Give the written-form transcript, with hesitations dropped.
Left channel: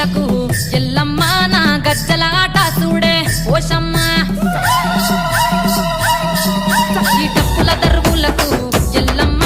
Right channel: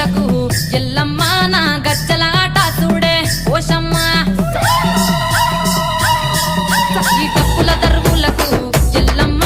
దరువులకు ఎల్లమ్మ నా గజ్జల ఆట చూడే ఓషమ్మ ఈ డప్పుల దరువులకు ఎల్లమ్మ